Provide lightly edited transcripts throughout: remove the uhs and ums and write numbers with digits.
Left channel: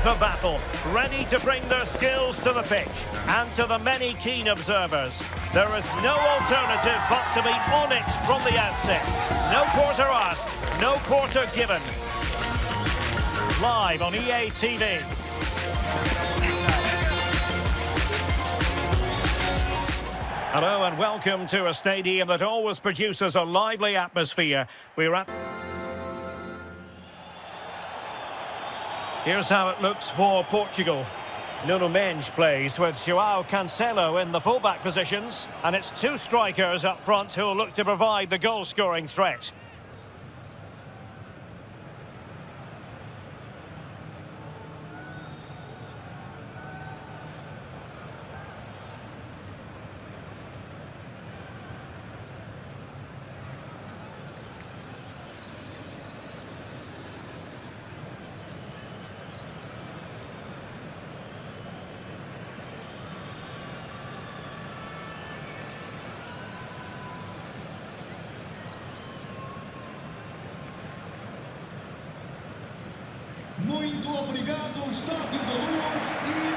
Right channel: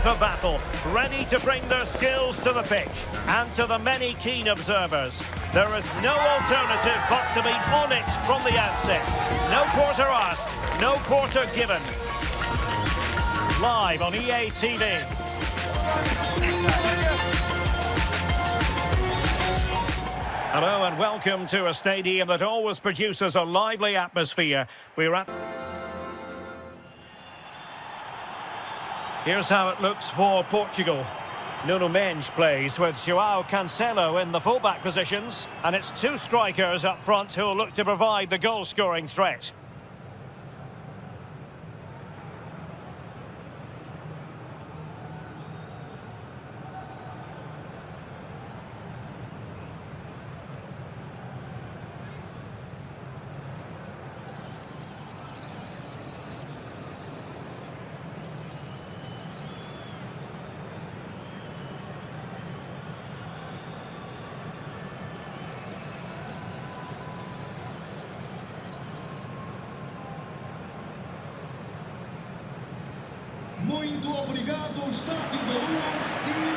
FIFA battle, ready to bring their skills to the pitch. And to the many keen observers, there is no alternative but to be on it from the outset. No quarter asked, no quarter given. Live on EA TV. Hello and welcome to a stadium that always produces a lively atmosphere. We're at... Here's how it looks for Portugal. Nuno Mendes plays with João Cancelo in the fullback positions. And it's two strikers up front who'll look to provide the goal-scoring threat.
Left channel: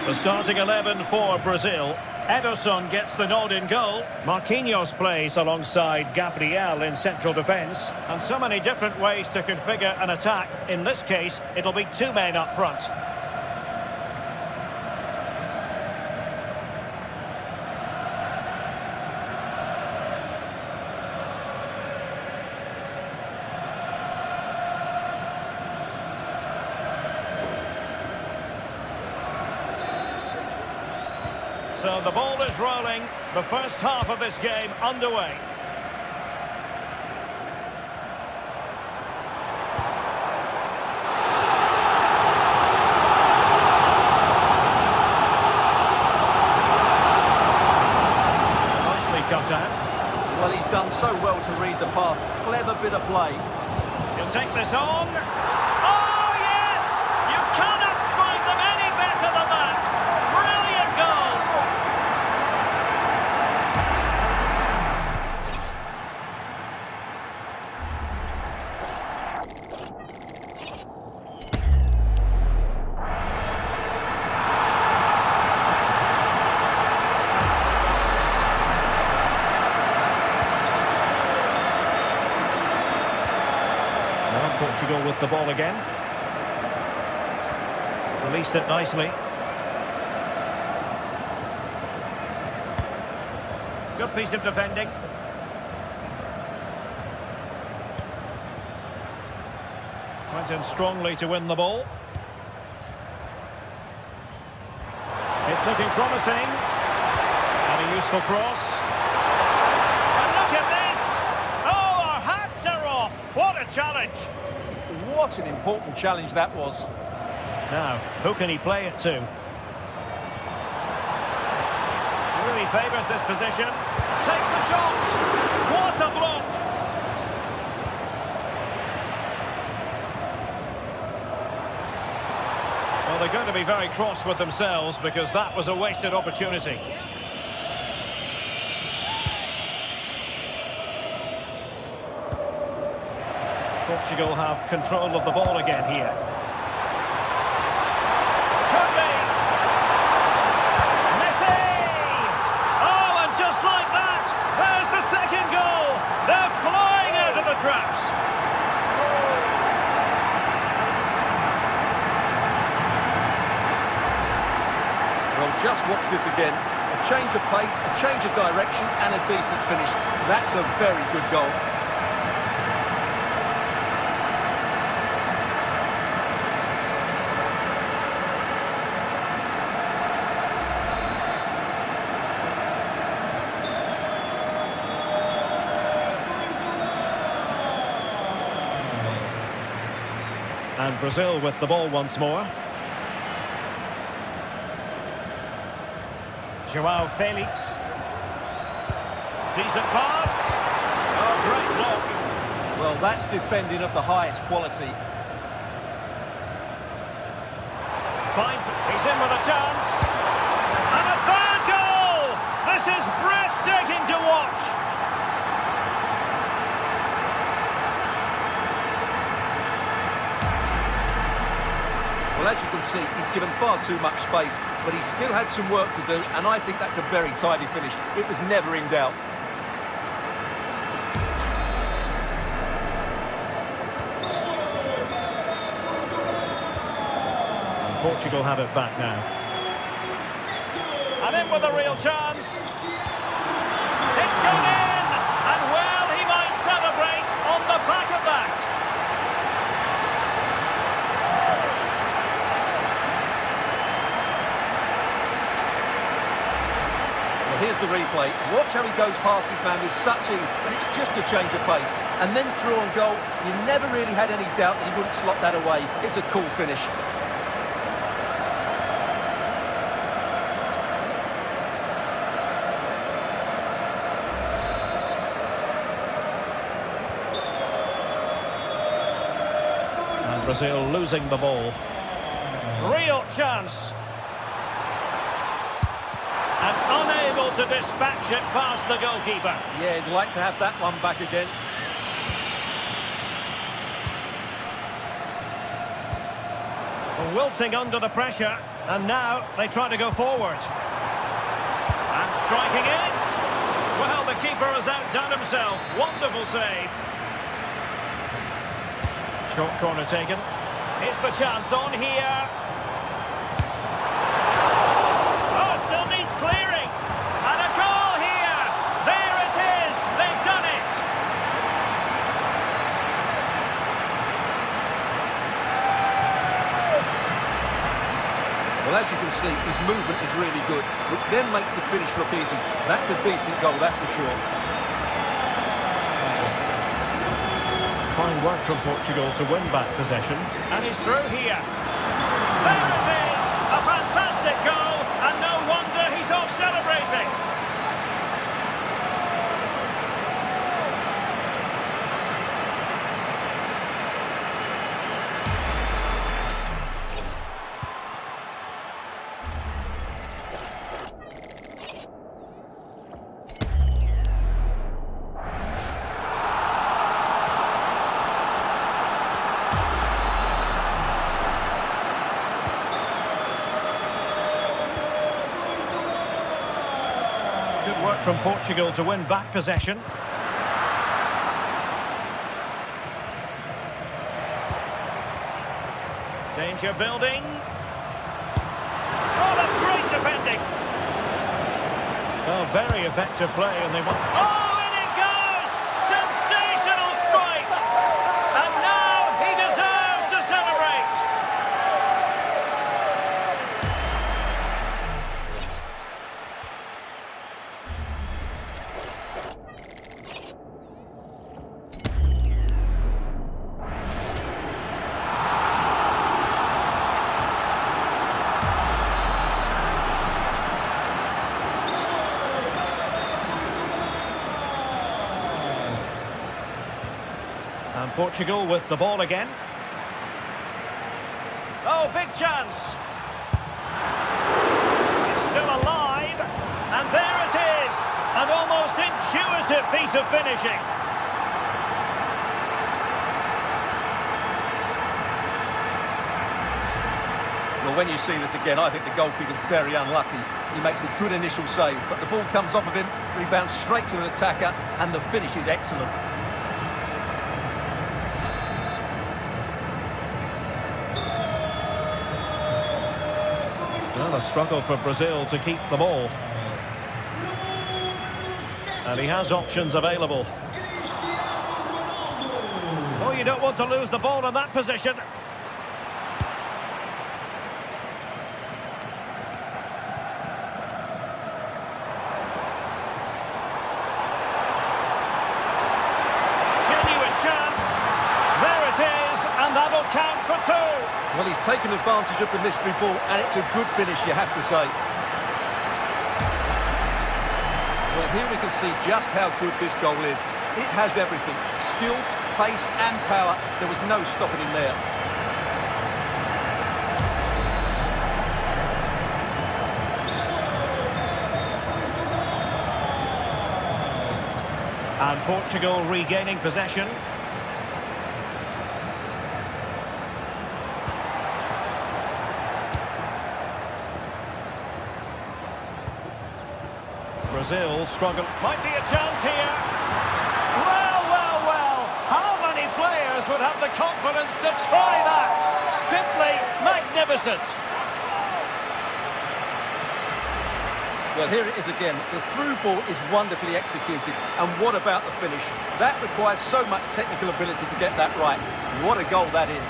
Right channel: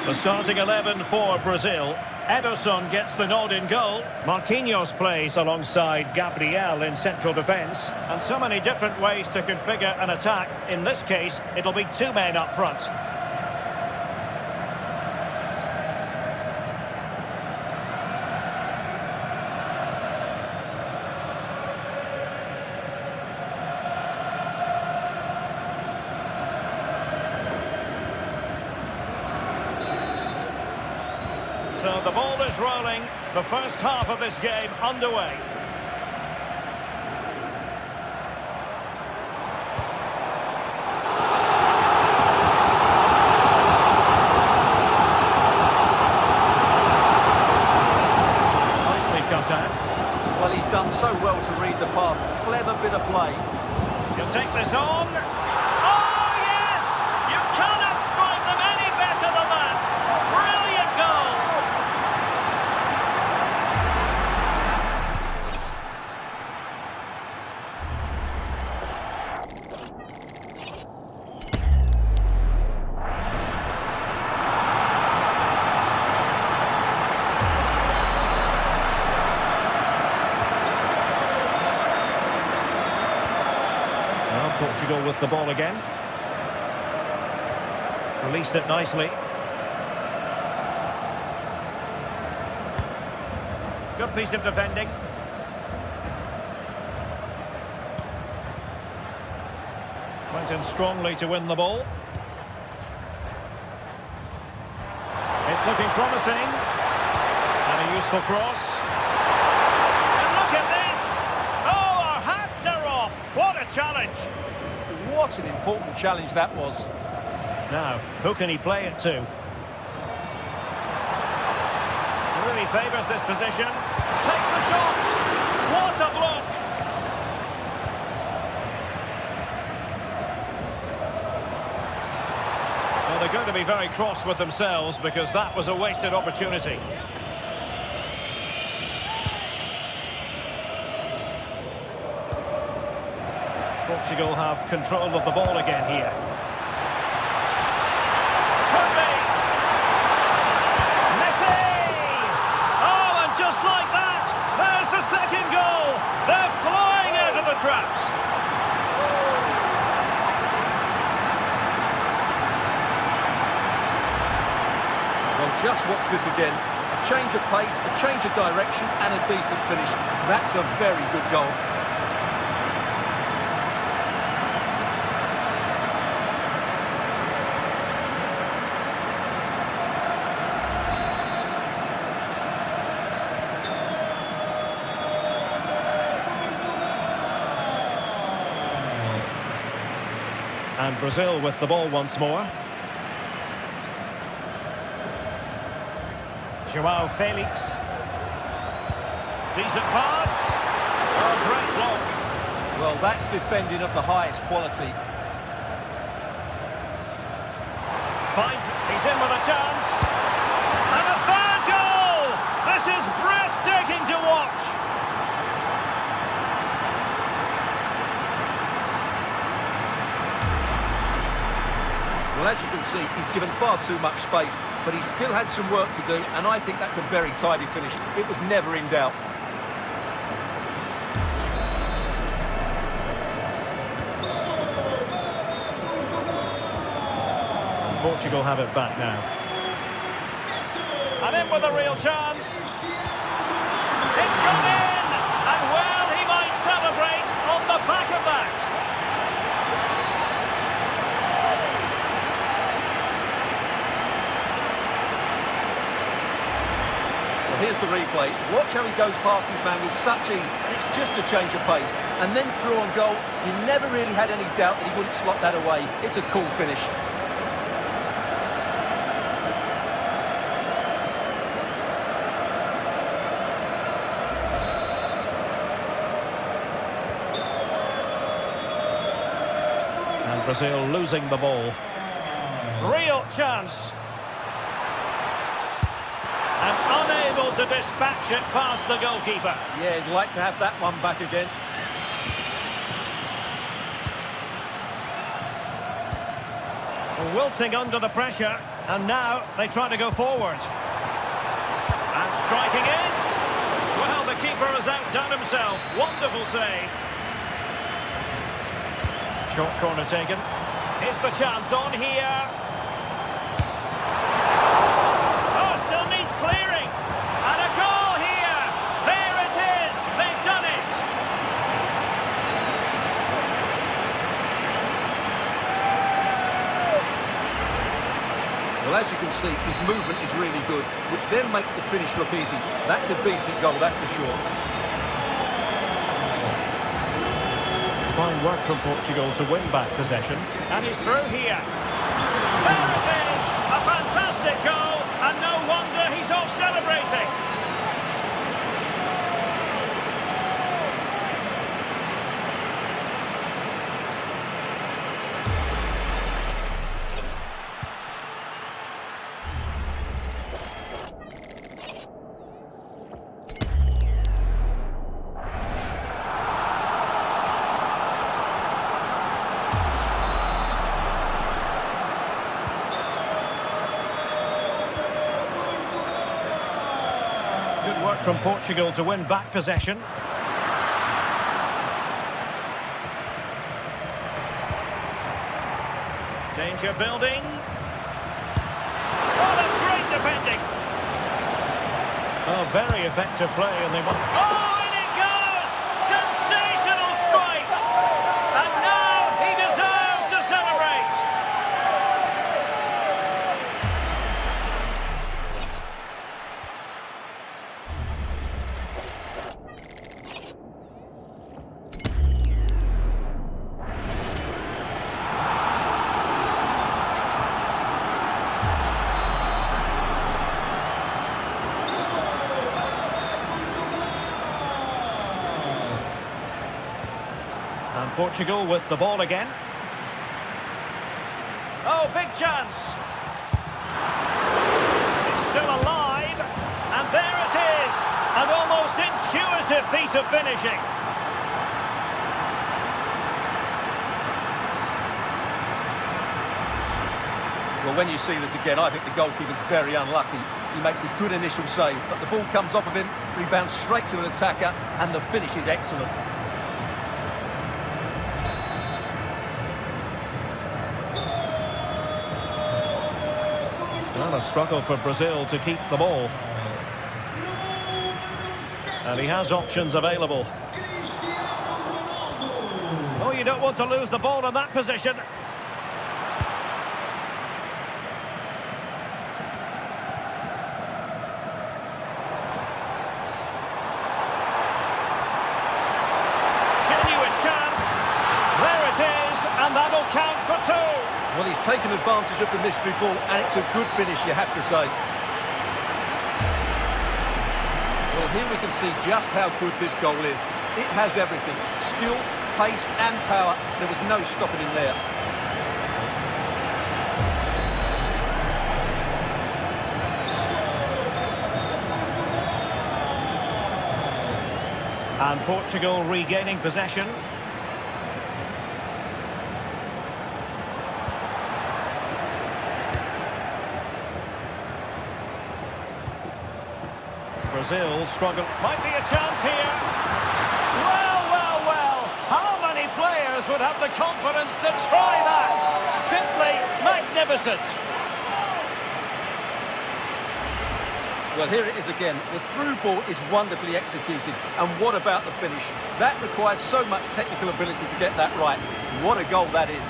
The starting 11 for Brazil. Ederson gets the nod in goal. Marquinhos plays alongside Gabriel in central defence. And so many different ways to configure an attack. In this case, it'll be two men up front. So the ball is rolling, the first half of this game underway. Nicely cut out. Well, he's done so well to read the pass. Clever bit of play. He'll take this on. Oh, yes! You cannot strike them any better than that. Brilliant goal. Portugal with the ball again. Released it nicely. Good piece of defending. Went in strongly to win the ball. It's looking promising. And a useful cross. And look at this! Oh, our hats are off! What a challenge! What an important challenge that was. Now, who can he play it to? Really favours this position. Takes the shot. What a block! Well, they're going to be very cross with themselves because that was a wasted opportunity. Portugal have control of the ball again here. Could be! Messi! Oh, and just like that, there's the second goal! They're flying out of the traps! Well, just watch this again. A change of pace, a change of direction, and a decent finish. That's a very good goal. And Brazil with the ball once more. João Felix. Decent pass. Oh, great block. Well, that's defending of the highest quality. Fine. He's in with a chance. And a third goal! This is breathtaking to watch. Well, as you can see, he's given far too much space, but he still had some work to do, and I think that's a very tidy finish. It was never in doubt. And Portugal have it back now. And in with a real chance. It's gone in! And well, he might celebrate on the back of that. Well, here's the replay. Watch how he goes past his man with such ease, and it's just a change of pace. And then through on goal, you never really had any doubt that he wouldn't slot that away. It's a cool finish. And Brazil losing the ball. Real chance. And unable to dispatch it past the goalkeeper. Yeah, he'd like to have that one back again. Wilting under the pressure, and now they try to go forward. And striking it. Well, the keeper has outdone himself. Wonderful save. Short corner taken. Is the chance on here? Oh, still needs clearing. And a goal here. There it is. They've done it. Well, as you can see, his movement is really good, which then makes the finish look easy. That's a decent goal, that's for sure. Fine work from Portugal to win back possession. And he's through here. There it is! A fantastic goal, and no wonder he's off celebrating. Good work from Portugal to win back possession. Danger building. Oh, that's great defending. Oh, very effective play, and they won. Oh, and it goes! Sensational strike! And now he deserves to celebrate. And Portugal with the ball again. Oh, big chance. It's still alive. And there it is. An almost intuitive piece of finishing. Well, when you see this again, I think the goalkeeper's very unlucky. He makes a good initial save, but the ball comes off of him, rebounds straight to an attacker, and the finish is excellent. Well, a struggle for Brazil to keep the ball. And he has options available. Oh, you don't want to lose the ball in that position. Genuine chance. There it is, and that'll count for two. Well, he's taken advantage of the mystery ball, and it's a good finish, you have to say. Well, here we can see just how good this goal is. It has everything. Skill, pace and power. There was no stopping him there. And Portugal regaining possession. Brazil struggle. Might be a chance here. Well, well, well. How many players would have the confidence to try that? Simply magnificent. Well, here it is again. The through ball is wonderfully executed. And what about the finish? That requires so much technical ability to get that right. What a goal that is.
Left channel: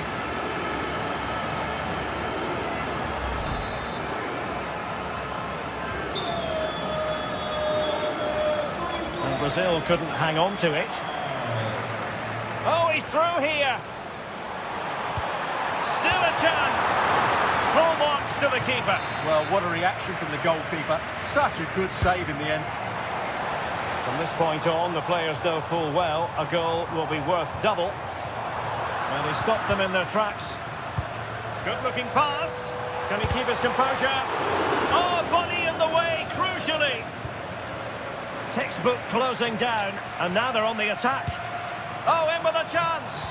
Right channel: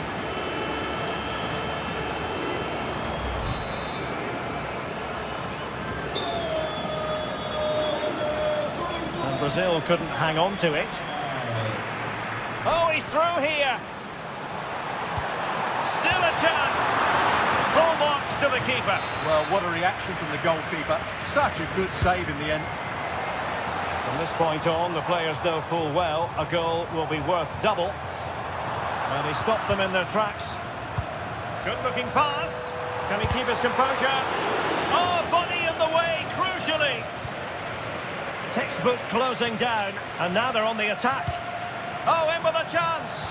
And Brazil couldn't hang on to it. Oh, he's through here. Still a chance. Full marks to the keeper. Well, what a reaction from the goalkeeper. Such a good save in the end. From this point on, the players know full well a goal will be worth double. And he stopped them in their tracks. Good-looking pass. Can he keep his composure? Oh, body in the way, crucially. Textbook closing down, and now they're on the attack. Oh, in with a chance.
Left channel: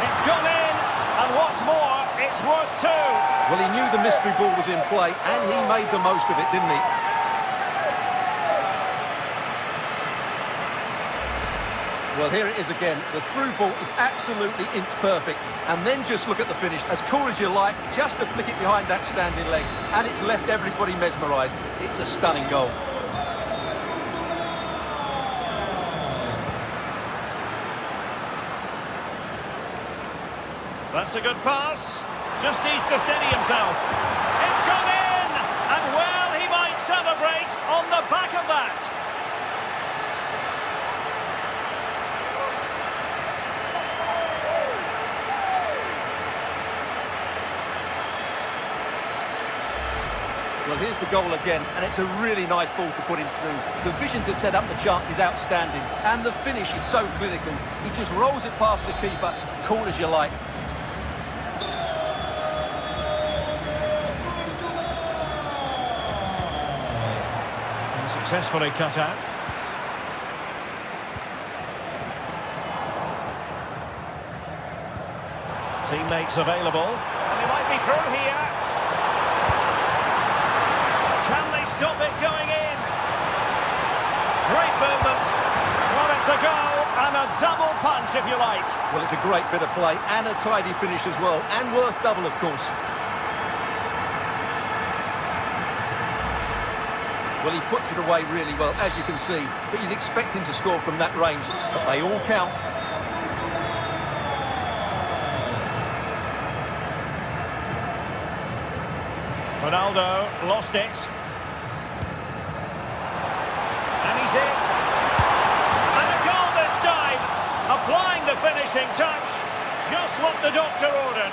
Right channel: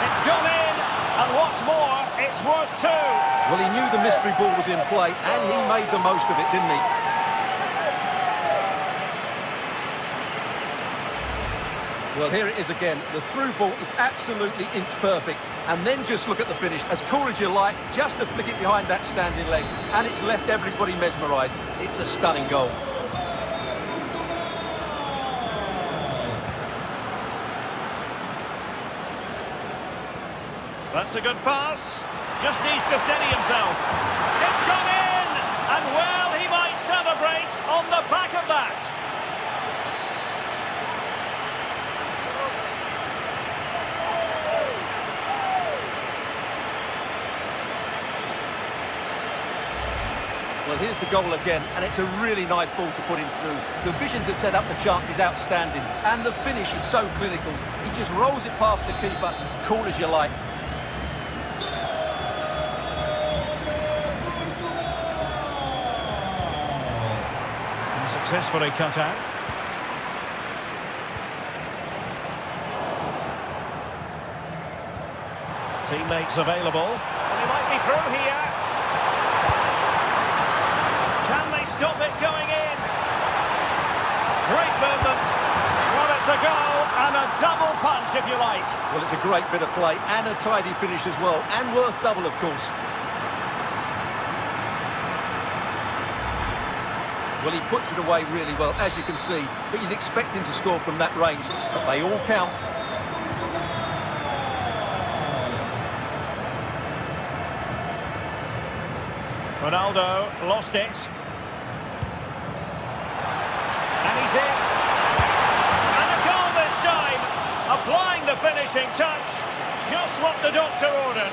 It's gone in, and what's more, it's worth two. Well, he knew the mystery ball was in play, and he made the most of it, didn't he? Well, here it is again. The through ball is absolutely inch perfect. And then just look at the finish. As cool as you like, just to flick it behind that standing leg. And it's left everybody mesmerised. It's a stunning goal. That's a good pass. Just needs to steady himself. It's gone in! And well, he might celebrate on the back of that. Well, here's the goal again, and it's a really nice ball to put him through. The vision to set up the chance is outstanding, and the finish is so clinical. He just rolls it past the keeper, cool as you like. And successfully cut out. Teammates available, and he might be through here. Can they stop it going in? Great movement. Well, it's a goal and a double punch, if you like. Well, it's a great bit of play and a tidy finish as well, and worth double, of course. Well, he puts it away really well, as you can see, but you'd expect him to score from that range, but they all count. Ronaldo lost it. And he's in. And a goal this time. Applying the finishing touch. Just what the doctor ordered.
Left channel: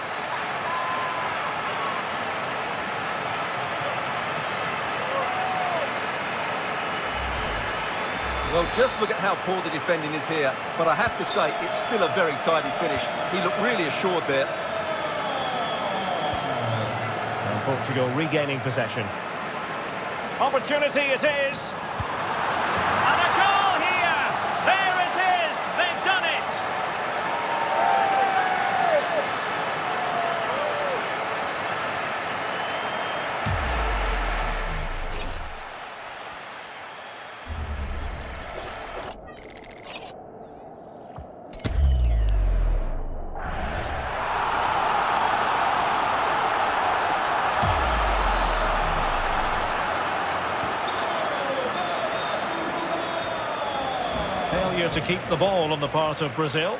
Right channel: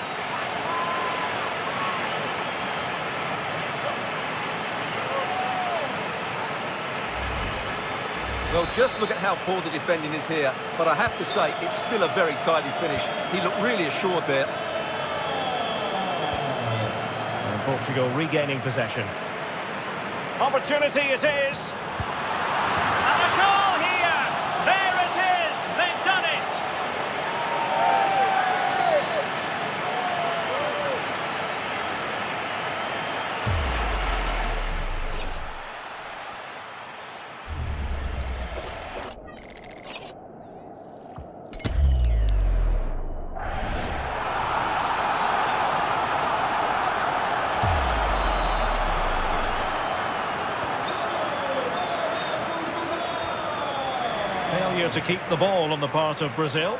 Well, just look at how poor the defending is here, but I have to say, it's still a very tidy finish. He looked really assured there. And Portugal regaining possession. Opportunity it is. And a goal here. There it is. They've done it. Failure to keep the ball on the part of Brazil.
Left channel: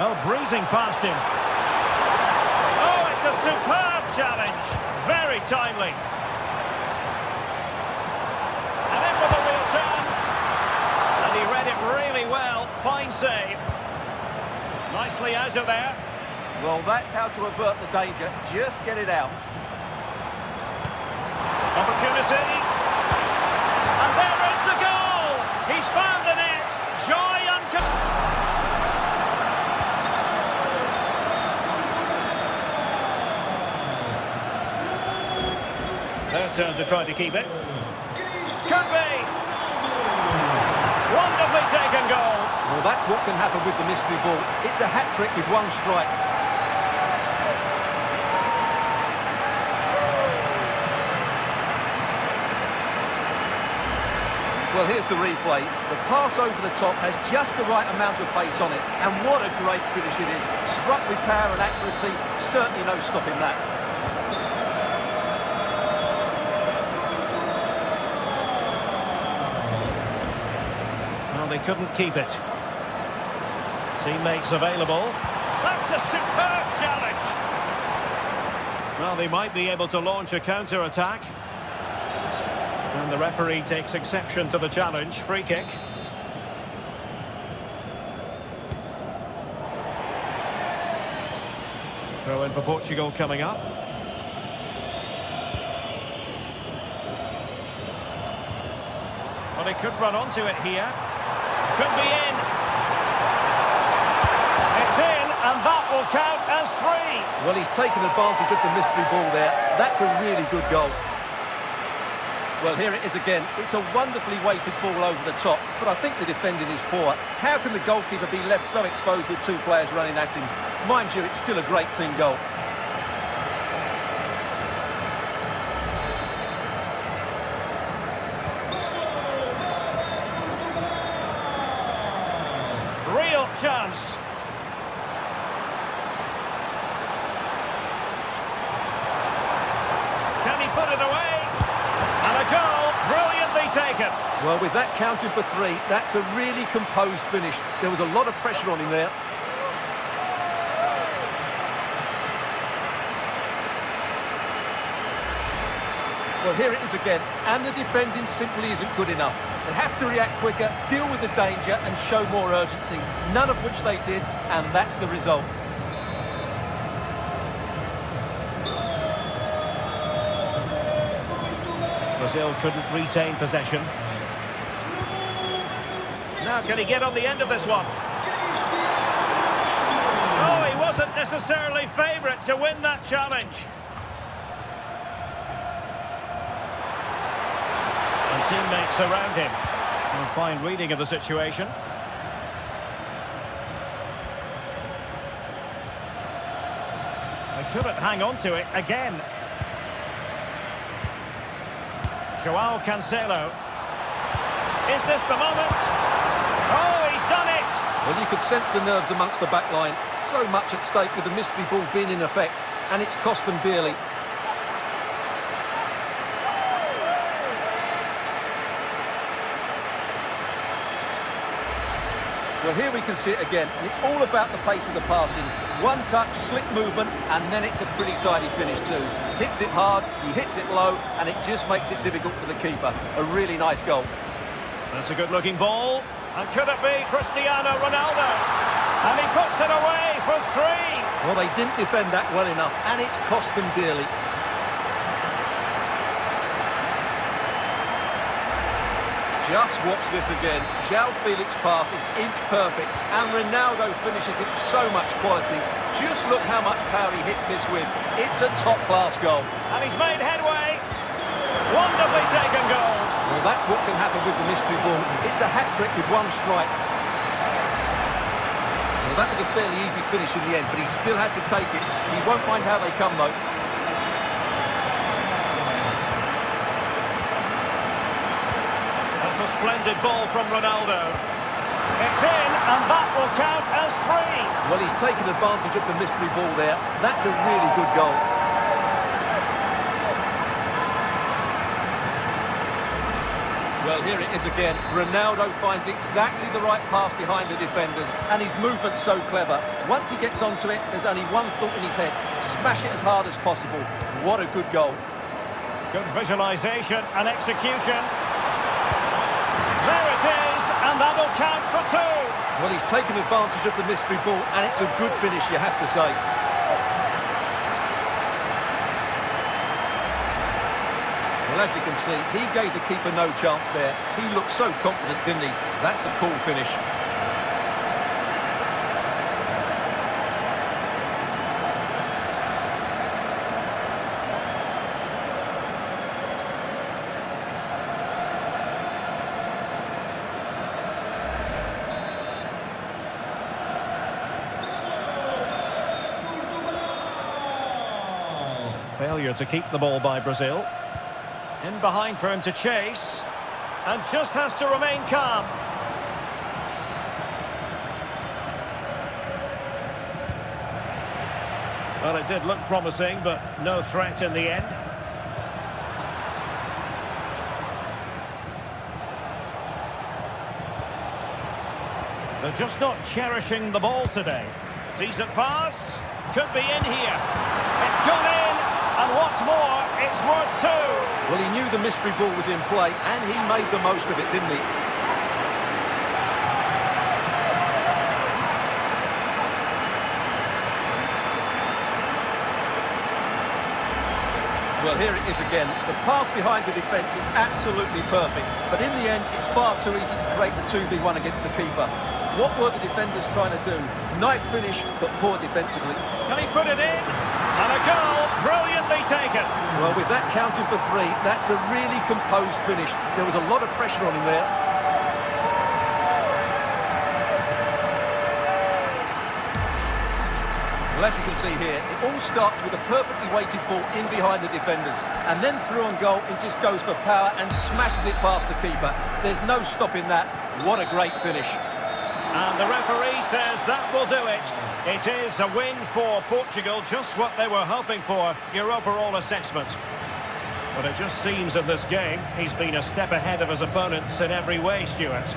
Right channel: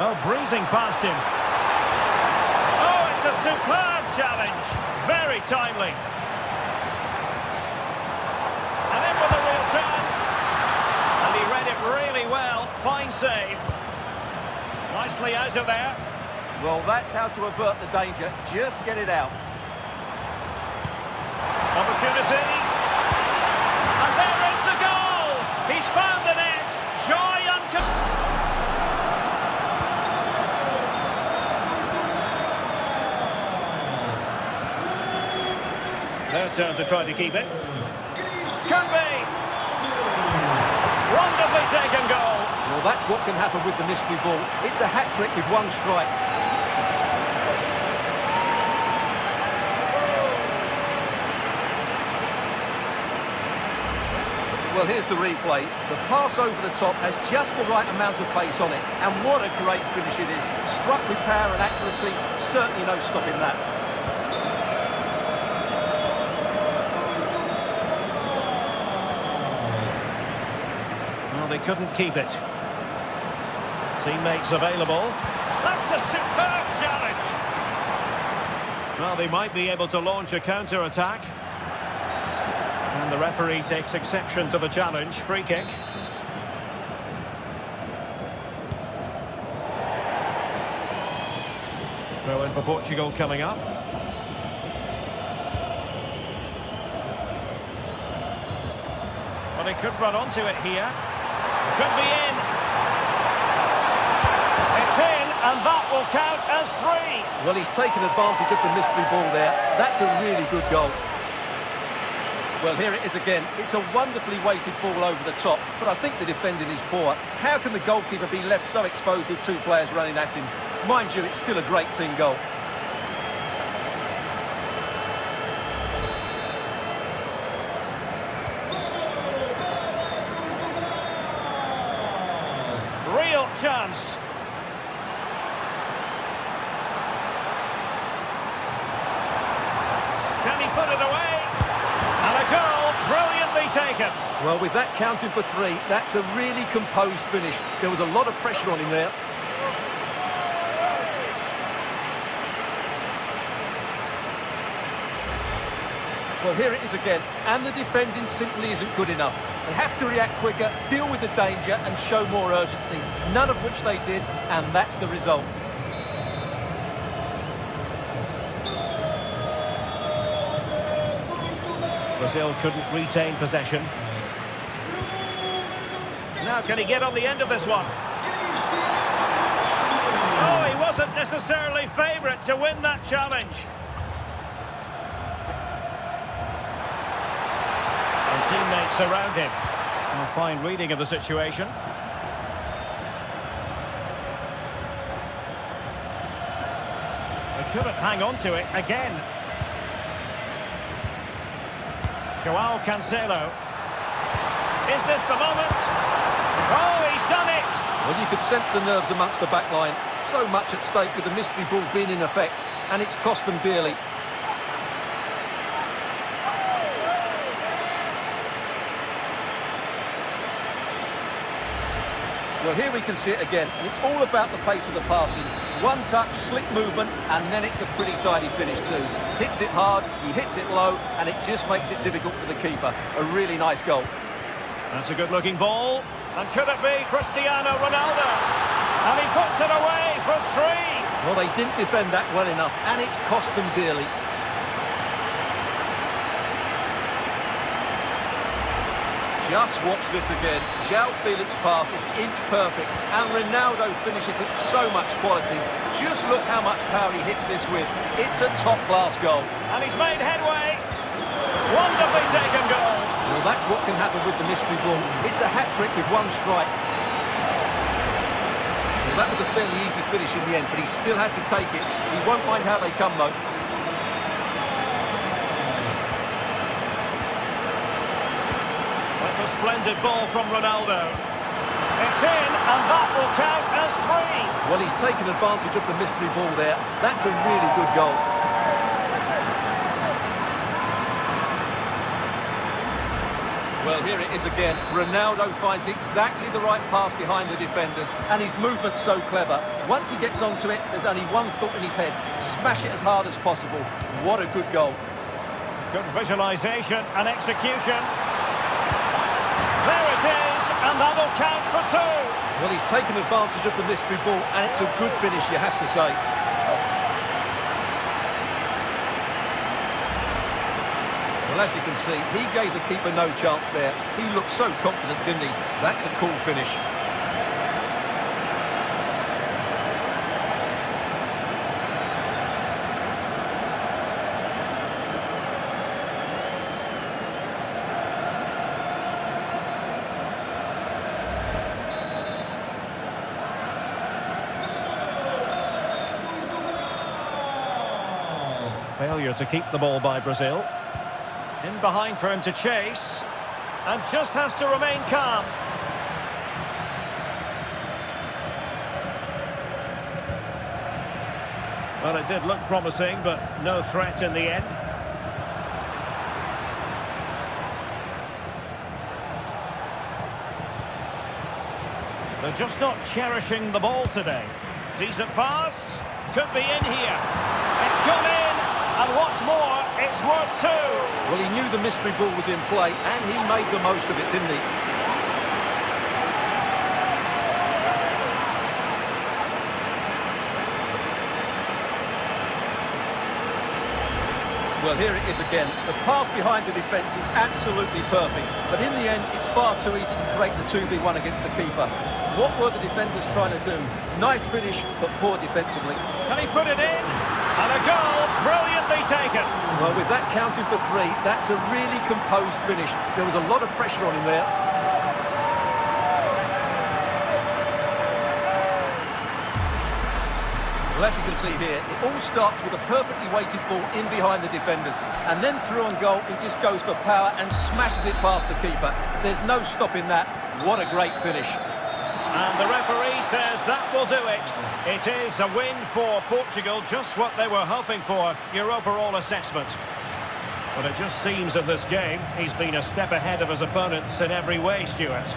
Oh, breezing past him. Oh, it's a superb challenge. Very timely. And in with a real chance. And he read it really well. Fine save. Nicely out of there. Well, that's how to avert the danger. Just get it out. Opportunity. And there is the goal! He's found the net! Joy Their turn to try to keep it. Could be! Wonderfully taken goal! Well, that's what can happen with the mystery ball. It's a hat-trick with one strike. Well, here's the replay. The pass over the top has just the right amount of pace on it. And what a great finish it is. Struck with power and accuracy. Certainly no stopping that. Well, they couldn't keep it. Teammates available. That's a superb challenge. Well, they might be able to launch a counter-attack. And the referee takes exception to the challenge. Free kick. Throw in for Portugal coming up. Well, he could run onto it here. Could be in. It's in, and that will count as 3. Well, he's taken advantage of the mystery ball there. That's a really good goal. Well, here it is again. It's a wonderfully weighted ball over the top, but I think the defending is poor. How can the goalkeeper be left so exposed with 2 players running at him? Mind you, it's still a great team goal. Real chance. Can he put it away? And a goal, brilliantly taken. Well, with that counting for 3, that's a really composed finish. There was a lot of pressure on him there. Well, here it is again, and the defending simply isn't good enough. They have to react quicker, deal with the danger, and show more urgency, none of which they did, and that's the result. Brazil couldn't retain possession. Now, can he get on the end of this one? Oh, he wasn't necessarily favourite to win that challenge. And teammates around him. A fine reading of the situation. They couldn't hang on to it again. Joao Cancelo. Is this the moment? Oh, he's done it! Well, you could sense the nerves amongst the back line. So much at stake with the mystery ball being in effect, and it's cost them dearly. Well, here we can see it again, and it's all about the pace of the passing. One touch, slick movement, and then it's a pretty tidy finish too. Hits it hard, he hits it low, and it just makes it difficult for the keeper. A really nice goal. That's a good-looking ball. And could it be Cristiano Ronaldo? And he puts it away for 3. Well, they didn't defend that well enough, and it's cost them dearly. Just watch this again. João Felix's pass is inch perfect, and Ronaldo finishes it so much quality. Just look how much power he hits this with. It's a top-class goal. And he's made headway. Wonderfully taken goal. Well, that's what can happen with the mystery ball. It's a hat-trick with 1 strike. Well, that was a fairly easy finish in the end, but he still had to take it. He won't mind how they come, though. That's a splendid ball from Ronaldo. It's in, and that will count as 3. Well, he's taken advantage of the mystery ball there. That's a really good goal. Well, here it is again. Ronaldo finds exactly the right pass behind the defenders, and his movement's so clever. Once he gets onto it, there's only one thought in his head. Smash it as hard as possible. What a good goal. Good visualisation and execution. There it is, and that'll count for 2. Well, he's taken advantage of the mystery ball, and it's a good finish, you have to say. Well, as you can see, he gave the keeper no chance there. He looked so confident, didn't he? That's a cool finish. Failure to keep the ball by Brazil. In behind for him to chase. And just has to remain calm. Well, it did look promising, but no threat in the end. They're just not cherishing the ball today. Decent pass. Could be in here. It's gone in. And what's more, it's worth two. Well, he knew the mystery ball was in play, and he made the most of it, didn't he? Well, here it is again. The pass behind the defence is absolutely perfect. But in the end, it's far too easy to create the 2v1 against the keeper. What were the defenders trying to do? Nice finish, but poor defensively. Can he put it in? And a goal, brilliantly taken. Well, with that counting for three, that's a really composed finish. There was a lot of pressure on him there. Well, as you can see here, it all starts with a perfectly weighted ball in behind the defenders. And then through on goal, he just goes for power and smashes it past the keeper. There's no stopping that. What a great finish. And the referee says that will do it. It is a win for Portugal, just what they were hoping for. Your overall assessment? But it just seems in this game, he's been a step ahead of his opponents in every way, Stuart.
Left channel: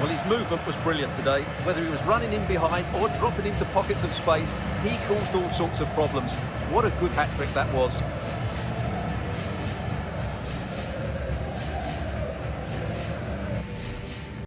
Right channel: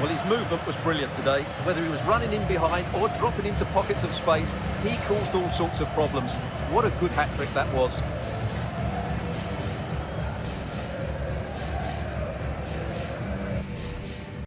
Well, his movement was brilliant today. Whether he was running in behind or dropping into pockets of space, he caused all sorts of problems. What a good hat-trick that was.